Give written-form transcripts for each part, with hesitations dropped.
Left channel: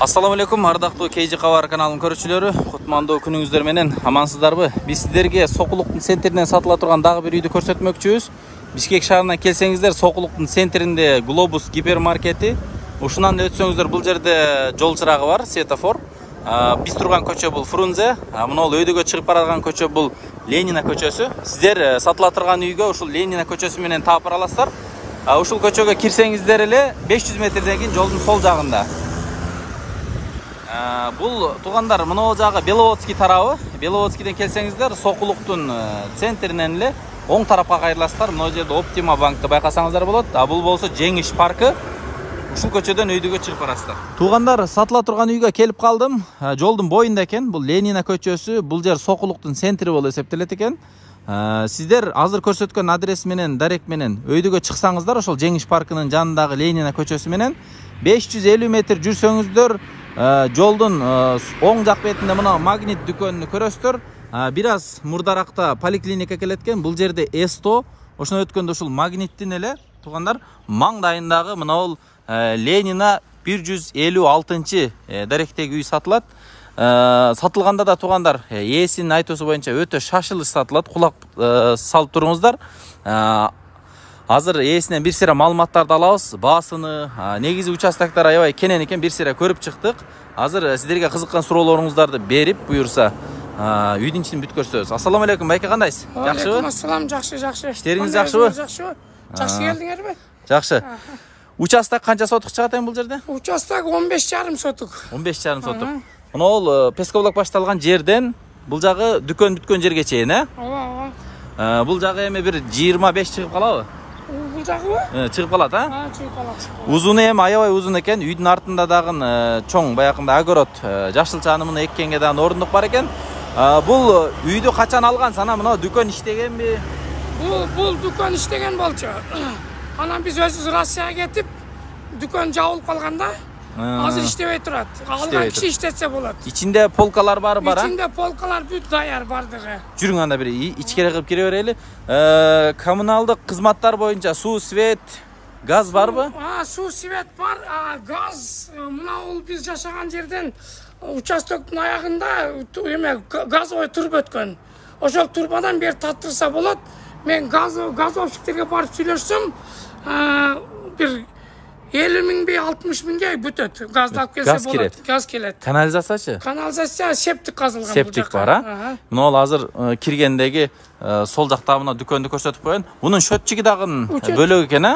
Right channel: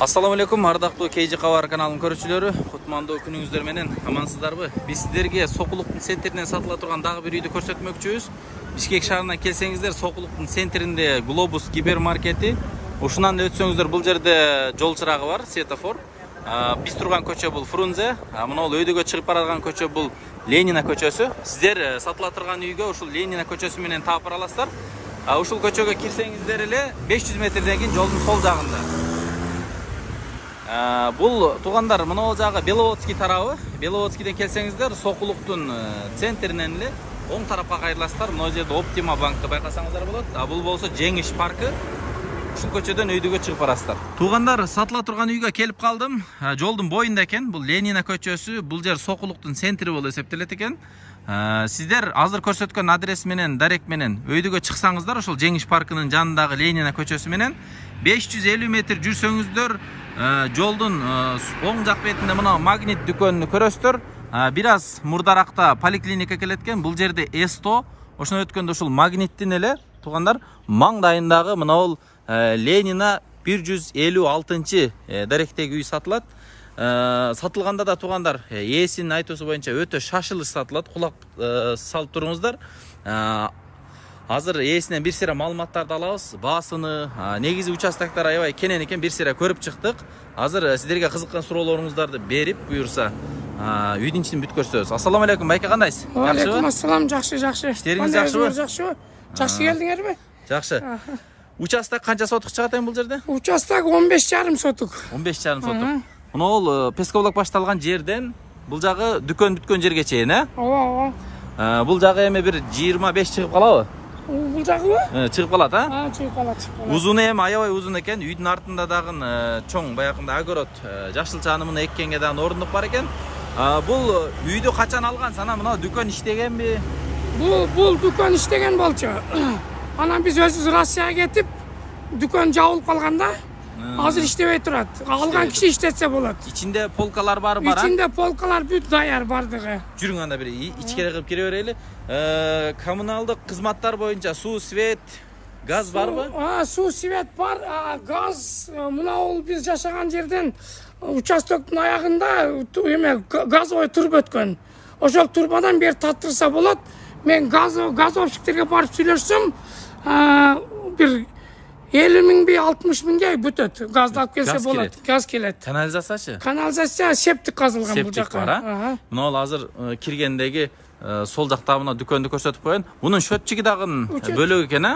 Assalamu alaikum, ардактуу KG Кабар каналынын көрүүчүлөрү. Кутмандуу күнүңүздөр менен амансыздарбы? Биз сиздерге Сокулуктун центринен сатыла турган дагы бир үйдү көрсөтмөкчүбүз. Бишкек шаарына келсеңиздер, Сокулуктун центринде Глобус гипермаркети. Ушунан өтсөңүздөр, бул жерде жол чырагы бар, светофор. Биз турган көчө бул Фрунзе, мына өйдөгө чыгып барган көчө бул Ленина көчөсү. Сиздер сатыла турган үйгө ушул Ленина көчөсү менен таап бара аласыздар. Ушул көчөгө кирсеңиздер эле 500 метрден кийин жолдун сол жагында. Бұл туғандар мына жағы Беловодский тарабы. Беловодскийден келсеңіздер, Сокулуктун центринен эле оң тарапка кайрыласыздар. Мына жерде Оптима банкты байкасаңыздар болот. Бул болсо Жеңиш паркы. Ушул көчөдөн өйдөгө чыгып барасыздар. Туғандар, сатыла турган үйгө келип калдым. Жолдун боюнда экен. Бул Ленина көчөсү. Бул жер Сокулуктун центри болуп эсептелет экен. Сиздер азыр көрсөткөн адрес менен, дарек менен өйдөгө чыксаңыздар, ошол Жеңиш паркынын жанындагы Ленина көчөсү менен 550 метр жүрсөңүздөр, жолдун оң жак бетинде мына магнит дүкөнүн көрөсүздөр. Бир аз мурдаракта поликлиника келеткен. Бул жерде С100, ошондо өткөндө ушул магниттин эле тугандар маңдайындагы мына бул Ленина 156-чы даректеги үй сатылат. Сатылганда да тугандар ээсинин айтуусу боюнча өтө шашылыш сатылат. Кулак салып туруңуздар. Азыр ээсинен бир сыйра маалыматтарды алабыз. Баасыны, негизи участоктор аябай кенен экен, бир сыйра көрүп чыктык. Азыр сиздерге кызыккан суроолоруңуздарды берип, буюрса, үйдүн ичин бүт көрсөбүз. Ассаламу алейкум, байке кандайсыз? Жакшыбы? Ассалам, жакшы. Иштериңиз жакшыбы? Жакшы келдиңерби? Жакшы. Участок канча сотук чыгат эми бул жерде? Участок 15,5 сотук. 15,5 сотук. Мына бул пескоблок башталган жерден бул жагы дүкөн бүткөн жерге чейин, Ооба. Бул жагы эми бир 25 чыгып калабы? Бул жагыбы? Чыгып калат, Чыгып калат. Узуну эми аябай узун экен. Үйдүн артында дагы чоң баягында огород, жашылчаны муну эккенге дагы орундук бар экен. Бул үйдү качан алгансыз? Ана мына дүкөн иштегенби? Бул дүкөн иштеген болчу. Анан биз өзүбүз Россияга кетип, дүкөн жабылып калганда, азыр иштебей турат. Алган киши иштетсе болот. Ичинде полкалар бар, Ичинде полкалар бүт даяр бардыгы. Жүрүң анда бир ичкере кылып кире берели. Коммуналдык кызматтар боюнча суу, свет, газ барбы? Суу, свет бар, газ. Мына бул биз жашаган жерден участоктун аягында эме газовый турба өткөн. Ошол турбадан бери таттырса болот. Мен газовщиктерге барып сүйлөшсөм, бир 50.000 60 миңге бүтөт. Газды алып келсе болот. Газ келет. Канализациячы? Канализация септик казылган. Септик бар, Мына ал азыр киргендеги сол жакта мына дүкөндү көрсөтүп коёюн. Мунун счетчиги дагы бөлөк экен,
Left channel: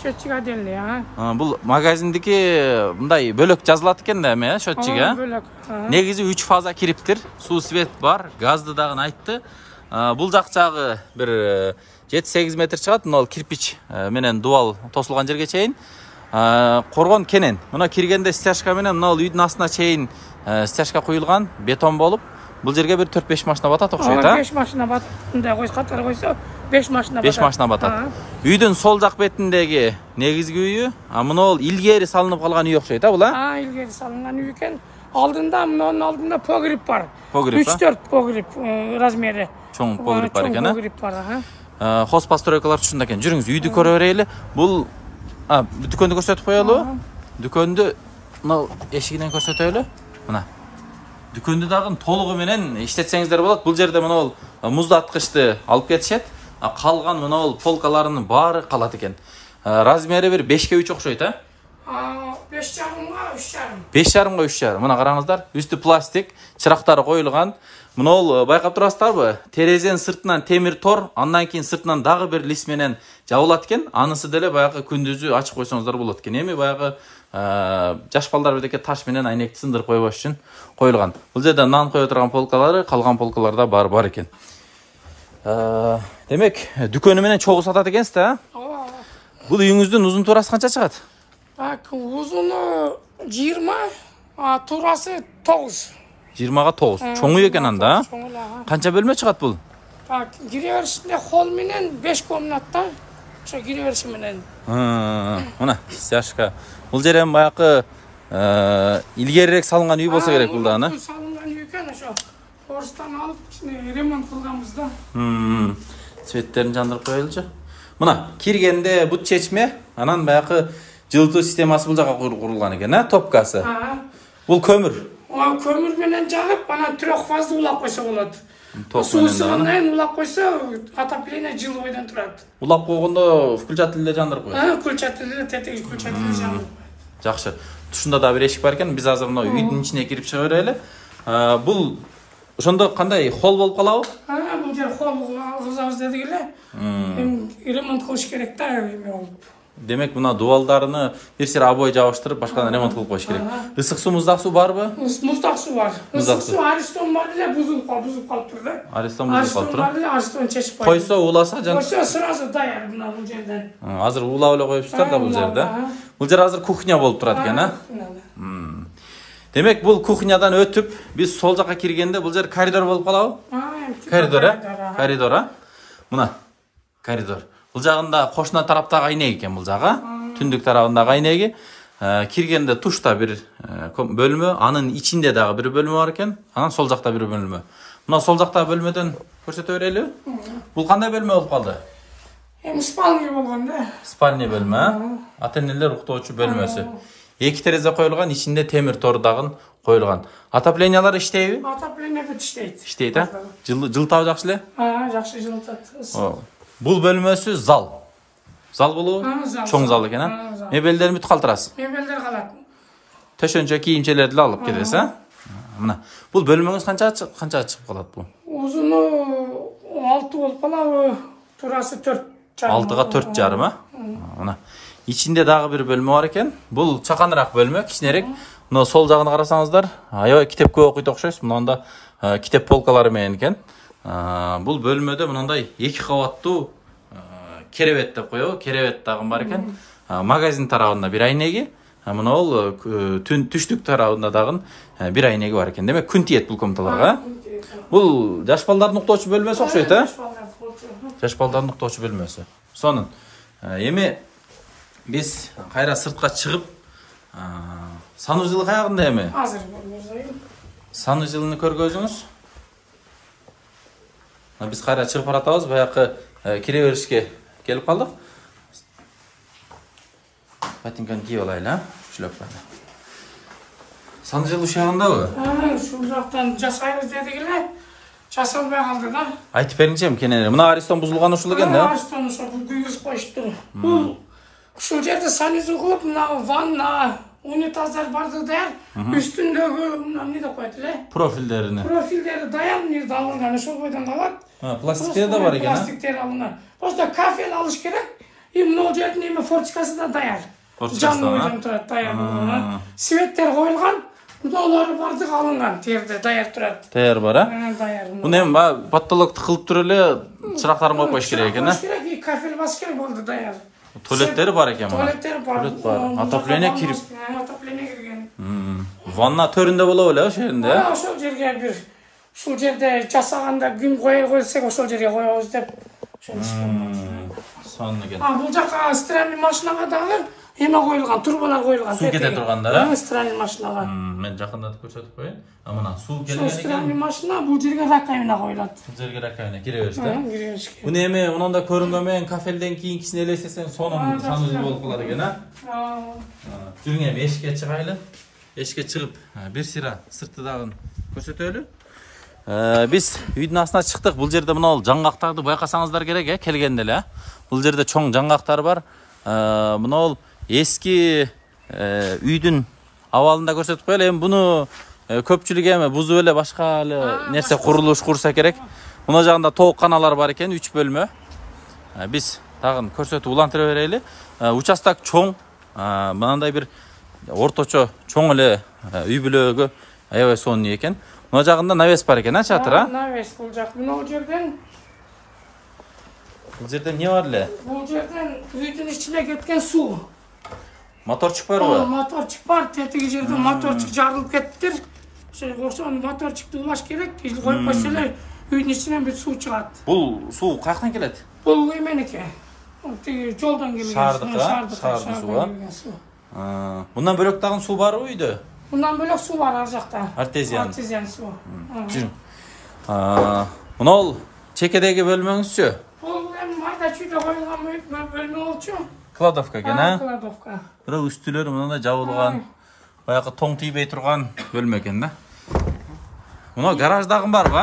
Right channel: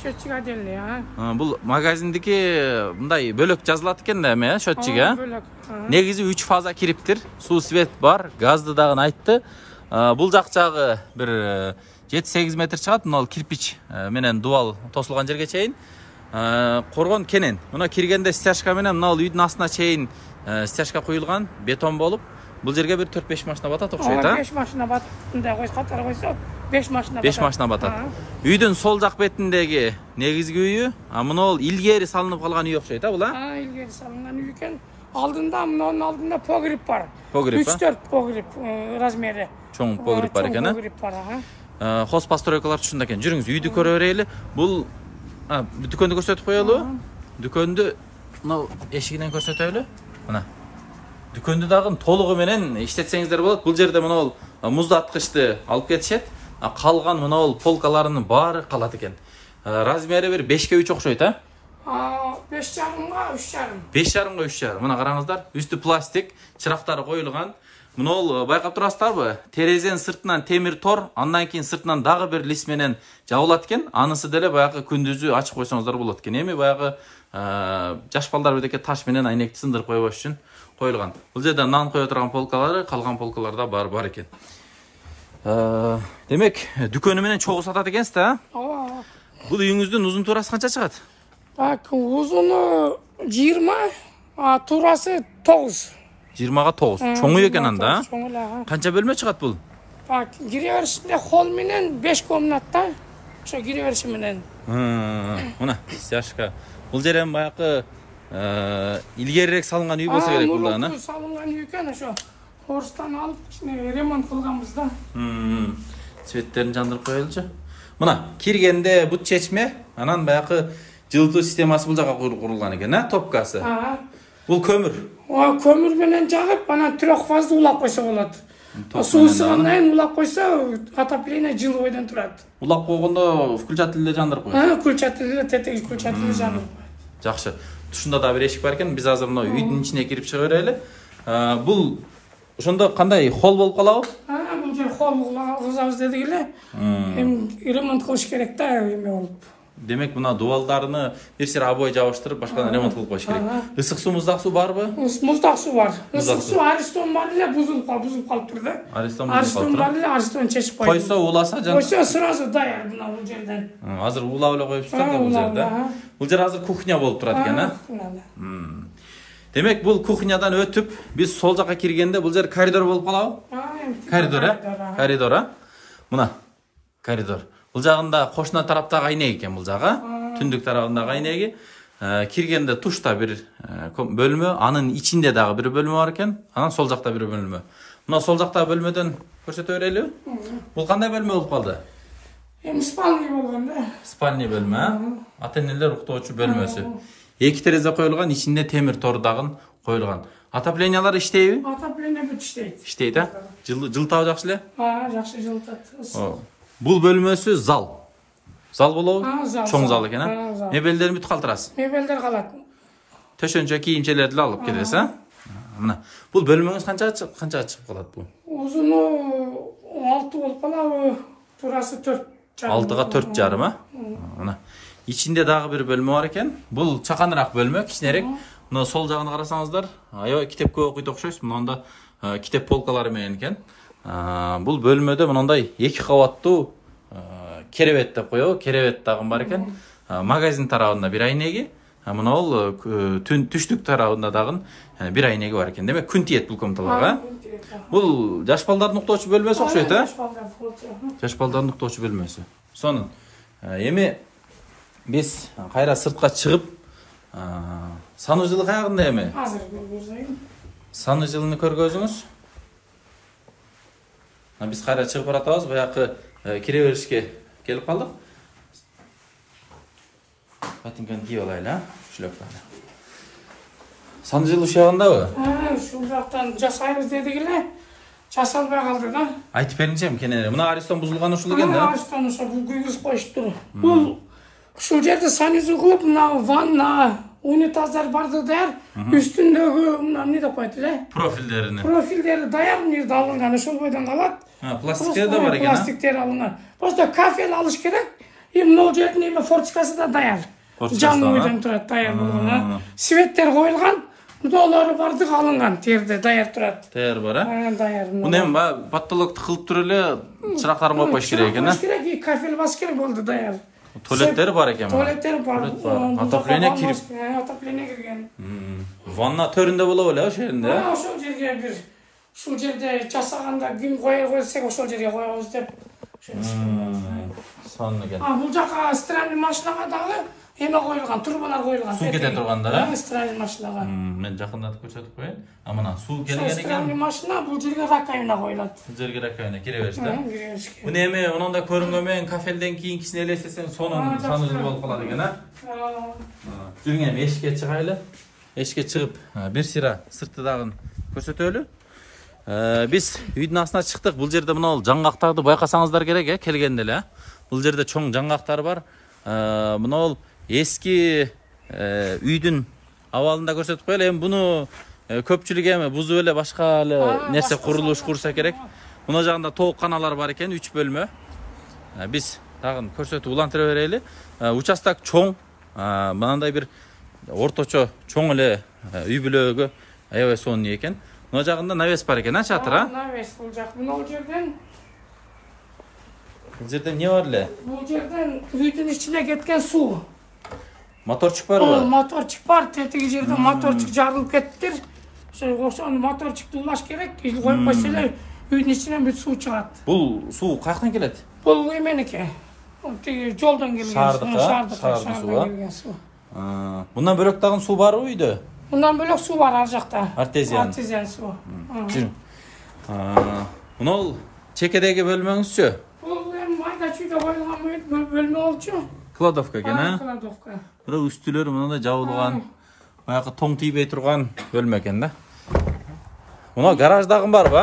Счетчик отдельный, Бул магазиндики мындай бөлөк жазылат экен да эми, счетчиги, Бөлөк. Негизи 3 фаза кириптир. Суу, свет бар, газды дагы айтты. Бул жак жагы бир 7-8 метр чыгат. Мына кирпич менен дуал тосулган жерге чейин. Коргон кенен. Мына киргенде стяжка менен мына үйдүн астына чейин стяжка куюлган, бетон болуп, бул жерге бир 4-5 машина батат окшойт, 5 машина батат. Мындай катар койсо 5 машина батат. 5 машина батат. Үйдүн сол жак бетиндеги негизги үйү, мына бул илгери салынып калган үй окшойт, бул, илгери салынган үй экен. Алдында, мынын алдында погреб бар. Погреб, 3-4 погреб размери. Чоң погреб бар экен, Погреб бар, Хозпостройкалар түшүндө экен. Жүрүңүз, үйдү көрө берели. Бул дүкөндү көрсөтүп коелу. Дүкөндү мына эшигинен көрсөтөлү. Мына. Дүкөндү дагы толугу менен иштетсеңиздер болот. Бул жерде мына бул муздаткычты алып кетишет. Калган мына бул полкаларынын баары калат экен. Размери бир 5/3 окшойт, 5,5 3,5. 5,5 3,5. Мына караңыздар, үстү пластик, чырактары коюлган. Мына бул байкап турасыздарбы? Терезенин сыртынан темир тор, андан кийин сыртынан дагы бир лист менен жабылат экен. Анысы деле баягы күндүзү ачып койсоңуздар болот экен. Эми баягы жаш балдар бирдеке таш менен айнекти сындырып койбош үчүн коюлган. Бул жерде нан кое турган полкалары, калган полкаларда бар экен. Демек, дүкөнү менен чогуу сатат экенсиз, Бул үйүңүздүн узун туурасы канча чыгат? Узуну 20, туурасы 9. 20-га 9. Чоңу экен анда, Канча бөлмө чыгат бул? Кире беришинде холл менен 5 комната, ошо кире бериши менен. Мына, стяжка. Бул жер эми баягы илгерирээк салынган үй болсо керек бул да, Салынган үй экен, ошо орустан алып ремонт кылганбыз да. Светтерин жандырып коелучу. Мына, киргенде бут чечме, анан баягы жылытуу системасы бул жака курулган экен, топкасы. Бул көмүр. Көмір менен жағып, анан 3 фазды улап койсо болот. Ток менен Суусунан улап койсо, отопление жылы бойдон турат. Улап койгондо включатель эле жандырып коет. Включатель, тетиги включатель жандырып коет. Жакшы. Тушунда да бир эшик бар экен. Биз азыр мына үйдүн ичине кирип чыга берели. Бул ошондо кандай холл болуп калабы? Бул жер холл кылабыз дедик эле. Ремонт кылыш керек да, эме болуп. Демек мына дубалдарыны бир сыра обой жабыштырып, башкадан ремонт кылып коюш керек. Ысык суу, муздак суу барбы? Муздак суу бар. Ысык суу Аристон бар эле, бузулуп калыптыр да. Аристон бузулуп калыптыр. Аристон чечип койсо уласа жан. Койсо сразу даяр мына бул жерден. Азыр улап эле коюпсуздар да бул жерде. Бул жер азыр кухня болуп турат экен, а? Демек бул кухнядан өтүп, биз сол жака киргенде бул жер коридор болуп калабы? Коридор, Мына коридор. Бул жагында кошуна тараптагы айнек экен бул жагы. Түндүк тарабындагы айнеги. Киргенде тушта бир бөлмө, анын ичинде дагы бир бөлмө бар экен. Анан сол жакта бир бөлмө. Мына сол жактагы бөлмөдөн көрсөтө берелиби? Бул кандай бөлмө болуп калды? Спальня болгон да. Спальня бөлмө, ата-энелер уктоочу бөлмөсү. 2 терезе коюлган, ичинде темир тор дагы коюлган. Отоплениялар иштейби? Отопление бут иштейт. Иштейт, а? Жылытабы жакшы эле? Жакшы жылытат. Бул бөлмөсү зал. Зал болобу? Чоң зал экен, а? Мебелдерин бүт калтырасыз. Мебелдер калат. Төшөнчө кийимчелерди эле алып кетесиз, а? Мына. Бул бөлмөңүз канча чыгып калат бул? Узуну 6 болуп калабы, турасы 4,5. 6га 4,5, а? Мына. Ичинде дагы бир бөлмө бар экен. Бул чаканыраак бөлмө, кичинерээк. Мына сол жагын карасаңыздар, аябай китеп көп окуйт окшойсуз. Мында китеп полкалары менен экен. Бул бөлмөдө мындай 2 кабаттуу керебет деп коебу, керебет дагы бар экен. Магазин тарабында бир айнеги, мына бул түштүк тарабында дагы бир айнеги бар экен. Демек күн тиет бул комнаталарга. Бул жаш балдардын уктоочу бөлмөсү окшойт, а? Жаш балдардын уктоочу бөлмөсү. Сонун. Эми биз кайра сыртка чыгып, санузел каягында эми? Азыр көргөзөйүн. Санузелни көргөзүңүз. Биз кайра чыгып баратабыз, баягы кире беришке келип калдык. Ботинканы кийип алайлы, а? Шлёпканы. Санузел ушагындабы? Ушул жактан жасайбыз дедик эле. Жасалбай калды да. Айтып бериңчи, кенен. Мына Аристон бузулган ушул экен да? Аристон ушул күйгүзүп коюшту. Бул ушул жерде санузел кылып, мына ванна, унитаздар барды да, үстүндөгү мына эмне деп коет эле? Профилдери даяр жерде алынган, ушул бойдон калат. Пластиктер да бар экен, а? Пластиктер алынган. Просто кафел алыш керек. Могул жердин эме форточкасы да даяр. Форточкасы да турат, даяр болгон. Светтер коюлган, удоолору бардык алынган, терде даяр турат. Даяр бар, а? Даяр. Муну эми потолокту кылып туруп эле чырактарын коюп коюш керек экен, а? Керек, кафел бас керек болду даяр. Туалеттери бар экен мына. Туалеттер бар. Отопление кирип. Отопление кирген. Ванна төрүндө болобу эле ошол жерде, а? Ошол жерге бир ушул жерде жасаганда күн кое койсок ошол жерге коебуз деп. Сонун экен. Бул жака стиральный машинага дагы эме коюлган, турбалар коюлган. Суу кете тургандар, а? Стиральный машинага. Мен жакындатып көрсөтүп коеюн. Мына суу келген экен. Стиральный машина бул жерге раковина коюлат. Бул жерге раковина кире беришти. Кире беришке. Буну эми онунда көрүнгөн менен кафелден кийинкисин элестесең, сонун санузел болуп калат экен, а? Жүрүң эми эшикке чыгайлы. Эшикке чыгып, бир сыйра сыртты дагы көрсөтөлү. Биз үйдүн астына чыктык. Бул жерде мына жаңгактарды байкасаңыздар керек, келгенде эле. Бул жерде чоң жаңгактар бар. Мына эски үйдүн абалында көрсөтүп коелу. Эми буну көпчүлүк эми бузуп эле башка эле нерсе курулуш курса керек. Мына жагында тоокканалар бар экен, 3 бөлмө. Биз дагы көрсөтүп улантыра берели. Участок чоң, мындай бир орточо чоң эле үй бүлөгө аябай сонун экен. Мына жагында навес бар экен, а, чатыр, а? Навес бул жак. Бул жерден эмне бар эле? Бул жерден үйдүн ичине кеткен суу. Моторчук барбы? Моторчук бар, тетиги жерден моторчук жарылып кеттир. Ошол моторчукту улаш керек. Коюп койсо эле үйдүн ичинен бүт суу чыгат. Бул суу каяктан келет? Бул эменики. Тиги жолдон келген. Шаардын суу. Мындан бөлөк дагы суу барбы үйдө? Мындан бөлөк суу бар ар жакта. Артезиан суу. Жүрүң. Мына чекедеги бөлмөңүзчү? Бул эми майда чүйдө коюлган бөлмө болчу. Кладовка экен, а? Кладовка. Бирок үстүлөр мындай жабылган. Баягы тоң тийбей турган бөлмө экен да. Мына гараждагы барбы?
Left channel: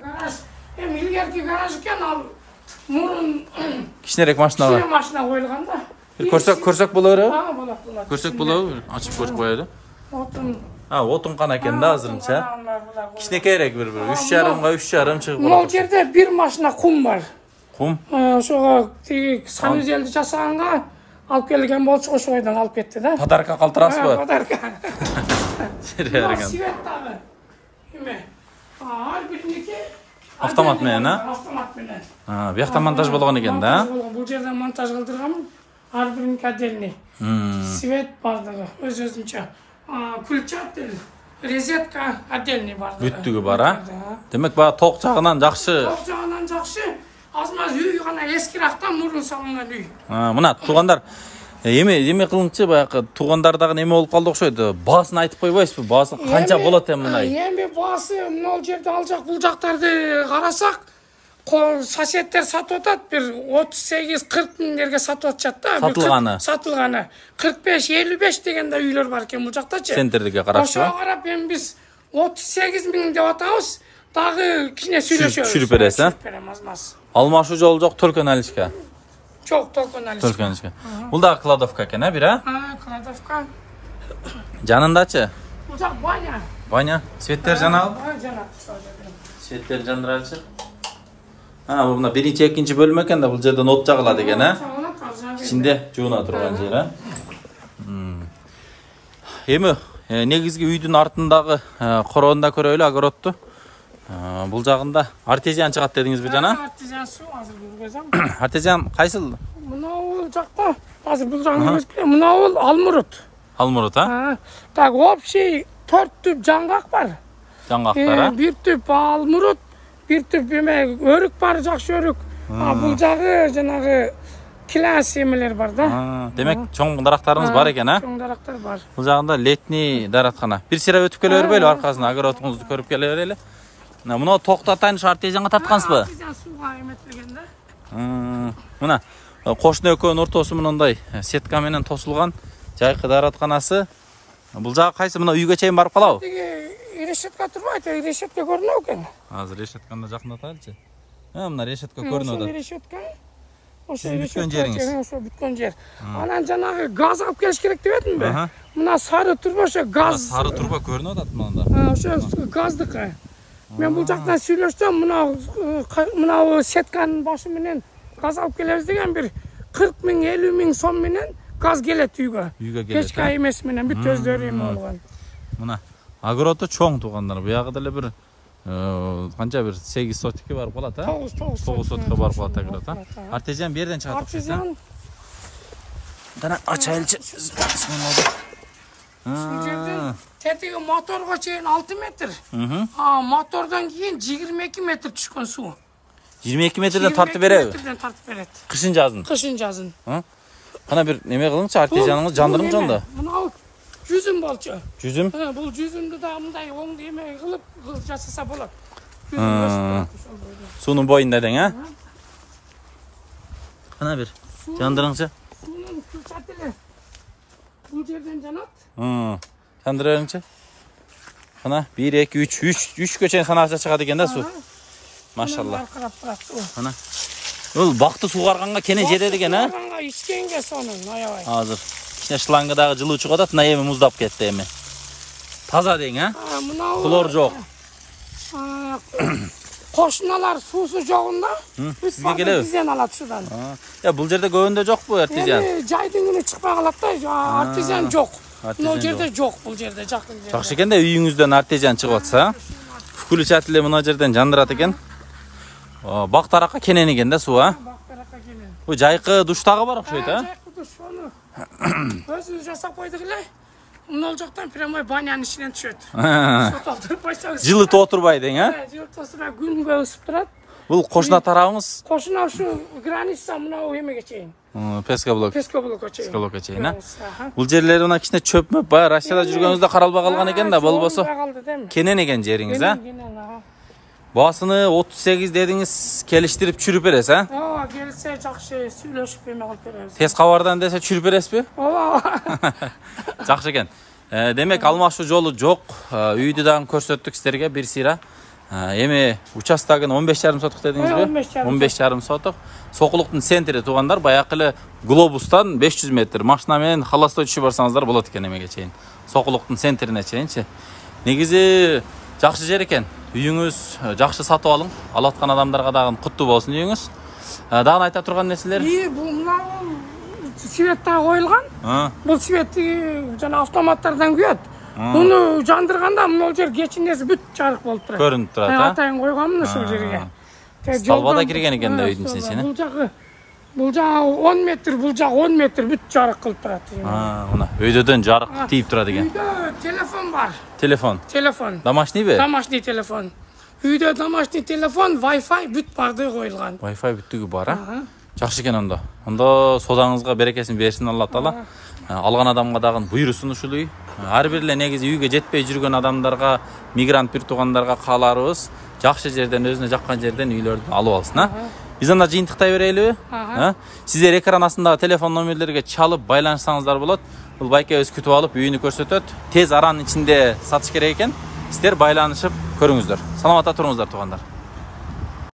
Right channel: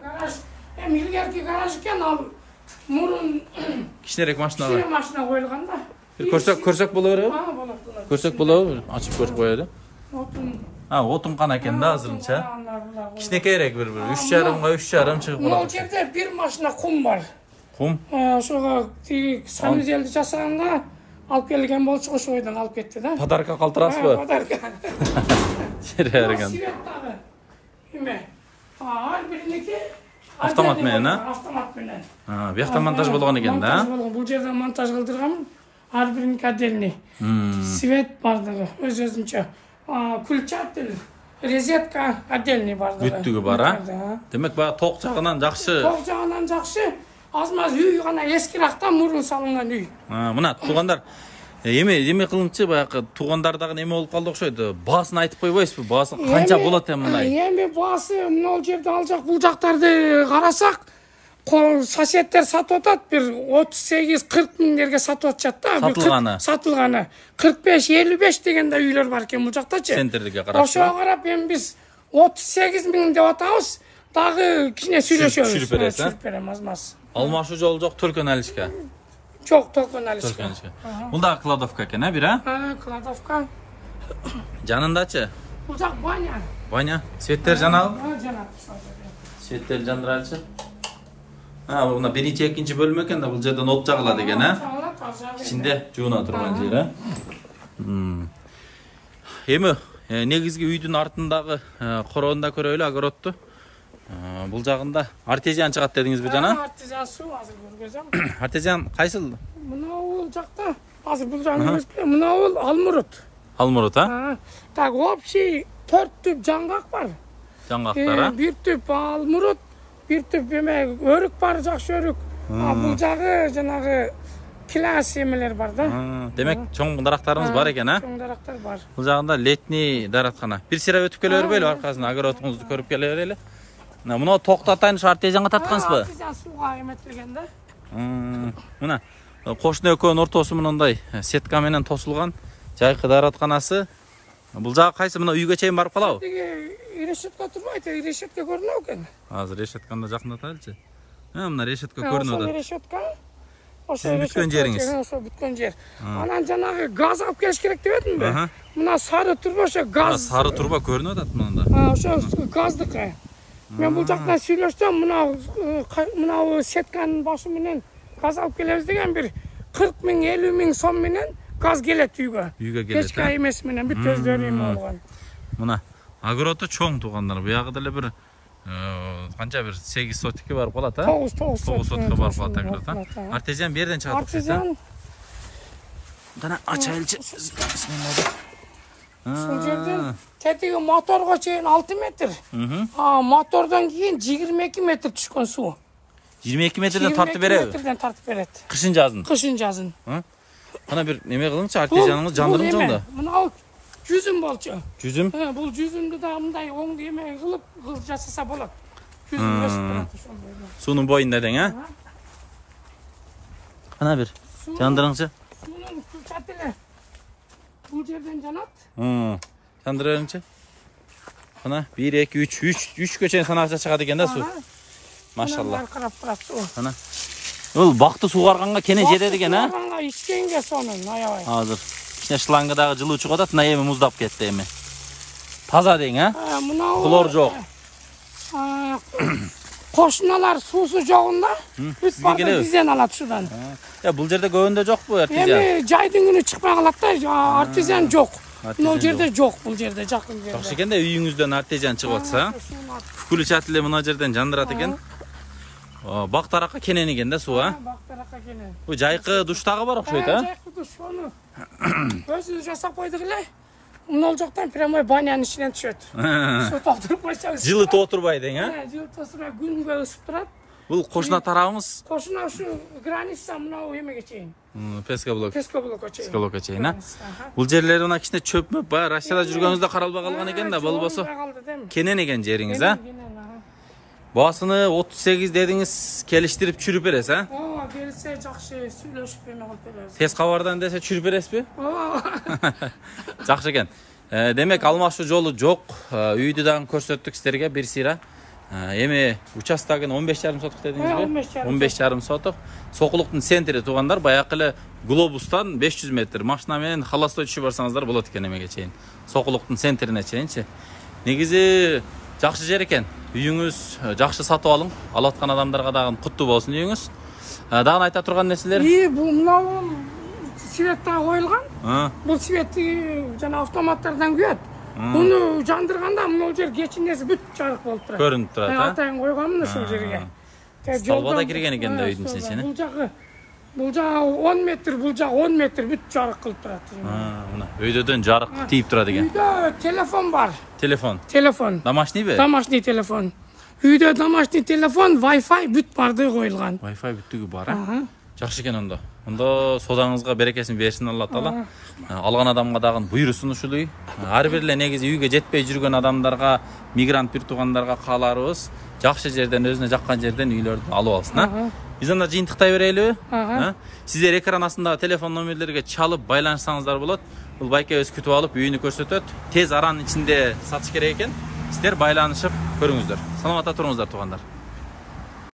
Garaj. İlgerki garaj eкен, ал мурун Кичинерээк машина бар. машина коюлган да. Көрсөк болор. Болот. Көрсөк болобу? Ачып көрүп коелу. Отун. Отун кана экен да азырынча. Кичинекейрээк бир 3,5 3,5 чыгып Бул болот. жерде бир машина кум бар. Кум? Ошого тиги санузелди жасаганга алып келген болчу, ошо бойдон алып кетти да. Подарка калтырасызбы? Подарка. Берген. Свет дагы. Эме. Ар бириники Автомат менен, Автомат менен. Бияқта монтаж болгон экен да. Бул жерде монтаж кылдырганмын. Ар бириники отдельный. Свет бардыгы өз-өзүнчө. Күлчатыл, розетка отдельный бардыгы. Бүттүгү бар, Демек баягы ток жагынан жакшы. Ток жагынан жакшы. Азмаз үй гана эскиракта мурун салынган үй. Мына туугандар эме кылыңчы баягы туугандардагы неме болуп калды окшойт. Баасын айтып койбойсузбу? Баасы канча болот мындай? Эми баасы мына жерде ал жак бул жактарды карасак, соседтер сатып атат, бир 38-40 миңдерге сатып атышат да. Сатылганы. 45-55 дегенде үйлөр бар экен бул жактачы. Центрдеге карашы. Ошого карап эми биз 38 миң деп атабыз. Дагы кичине сүйлөшөбүз. Сүрүп бересиз, Сүрүп берем азмаз. Алмашуу жол жок, Төлкөн алишка. Жок, Төлкөн алишка. Төлкөн алишка. Бул да кладовка экен, бир Кладовка. Жанындачы? Бул жак баня. Баня. Светтер жанабы? Жанат. Светтер жандырайлычы. Бул мына биринчи, экинчи бөлмө экен да, бул жерден от жагылат экен, Ичинде жууна турган жер, Эми негизги үйдүн артындагы короонда көрөлү огородту. Бул жагында артезиан чыгат дедиңизби жана? Артезиан суу азыр жүргөзөм. Артезиан кайсыл? Мына жакта азыр бул жагында эмес, мына алмурут. Алмурут, Так, общий 4 түп жаңгак бар. Жаңгактар, Бир түп алмурут, бир түп эме өрүк бар, жакшы өрүк. Бул жагы жанагы килас эмелер бар да. Демек чоң дарактарыңыз бар экен, Чоң дарактар бар. Бул жагында летний дараткана. Бир сыра өтүп келе бербейлби, аркасына огородуңузду көрүп келе берели. Мына токтотайын артезианга таткансызбы? Артезиан сууга эметилген да. Мына кошуна экөөнүн ортосу мындай сетка менен тосулган жайкы даратканасы. Бул жагы кайсы? Мына үйгө чейин барып калабы? Решетка турбайт, решетка көрүнөт экен. Азыр решетканы жакындатайлычы. Мына решетка көрүнүп атат. Решетка. Сиздин бүткөн жериңиз. Ошо бүткөн жер. Анан жанагы газ алып келиш керек деп этимби? Мына сары турба ошо газ. Сары турба көрүнүп атат мында. Ошо газдыкы. Мен бул жактан сүйлөшсөм, мына сетканын башы менен газ алып келебиз деген бир 40 миң, 50 миң сом менен газ келет үйгө. Үйгө келет. Печка эмес менен бүт өздөрү эме болгон. Мына огороду чоң туугандар. Буягы деле бир канча бир 8 сотикке барып калат, 9 сотикке барып калат огород, Артезиан бир жерден чыгат окшойт, Дана ачайлычы. Ушул жерден тетиги моторго чейин 6 метр. Мотордон кийин 22 метр түшкөн суу. 22 метрден тартып береби? Метрден тартып берет. Кышын жазын. Кышын жазын. Кана бир неме кылыңчы, артезианыңыз жандырыңчы онда. Мына жүзүм болчу. Жүзүм? Бул жүзүмдү да мындай оң эме кылып жасаса болот. Суунун боюнда дең, Кана бир жандырыңчы. Суунун күлчатыгы бул жерден жанат. Жандыра бериңчи. Кана 1 2 3 көчен санакча чыгат экен да суу. Машалла. Кана. Бул бакты суугарганга кене жетет экен, Суугарганга ичкенге сонун аябай. Азыр кичине шлангыдагы жылуу чыгып атат, мына эми муздап кетти эми. Таза дең, Хлор жок. Кошуналар суусу жогунда сизге келеби? Бизден алат судан. Бул жерде көбүндө жокпу артезиан? Эми жайдын күнү чыкпай калат да, артезиан жок. Бул жерде жок, бул жерде жакын жерде. Жакшы экен да, үйүңүздөн артезиан чыгып атса, Күлчатылы мына жерден жандырат экен. Бак таракка кенен экен да суу, Бак таракка кенен. Бул жайкы душтагы бар окшойт, Жайкы душ өзү жасап койдук эле. Мына жактан прямой банянын ичинен түшөт. Суу толтуруп койсоңуз. Жылытып отурбай дең, Жылытып отурса күнгө ысып турат. Бул кошуна тарабыңыз? Кошуна ушу граница мына эмеге чейин. Песка блокко чейин. Блокко чейин, Бул жерлери мына кичине чөп мөп баягы Россияда жүргөнүздө каралбай калган экен да, болбосо кенен экен жериңиз, Баасыны 38 дедиңиз, келиштирип чүрүп бересиз, келсе жакшы сүйлөшүп эме кылып беребиз. Тез кабардан десе чүрүп бересизби? Ооба. Жакшы экен. Демек алмашуу жолу жок. Үйдү дагы көрсөттүк силерге бир сыйра. Эми участогун 15,5 сотук дедиңизби? 15,5 сотук. Сокулуктун центри туугандар, баякы эле глобустан 500 метр машина менен холостой түшүп барсаңыздар болот экен эмеге чейин. Сокулуктун центрине чейинчи. Негизи жакшы жер экен. Үйүңүз жакшы сатып алың. Алаткан адамдарга дагы куттуу болсун үйүңүз. Дагы айта турган нерселер? Бул светтер коюлган. Бул свет жана автоматтардан күйөт. Муну жандырганда мына жер кечинеси бүт жарык болуп турат. Көрүнүп турат, Атайын койгонмун ушул жерге. Столбада кирген экен да үйдүн ичине. Бул жагы 10 метр, бул жагы 10 метр бүт жарык кылып турат. Мына өйдөдөн жарык тийип турат экен. Үйдө телефон бар. Телефон. Домашнийби? Домашний телефон. Үйдө домашний телефон, Wi-Fi бүт барды коюлган. Wi-Fi бүттүгү бар, Жакшы экен ондо. Ондо содаңызга берекесин берсин Алла Таала. Алган адамга дагы буйрусун ушул үй. Ар бир эле негизи үйгө жетпей жүргөн адамдарга, мигрант бир туугандарга кааларыбыз жакшы жерден, өзүнө жаккан жерден үйлөрдү алып алсын, Биз анда жыйынтыктай берелиби? Сиздер экран астындагы телефон номерлерге чалып байланышсаңыздар болот. Бул байкебиз күтүп алып үйүнү көрсөтөт. Тез аранын ичинде сатыш керек экен. Сиздер байланышып көрүңүздөр. Саламатта туруңуздар туугандар.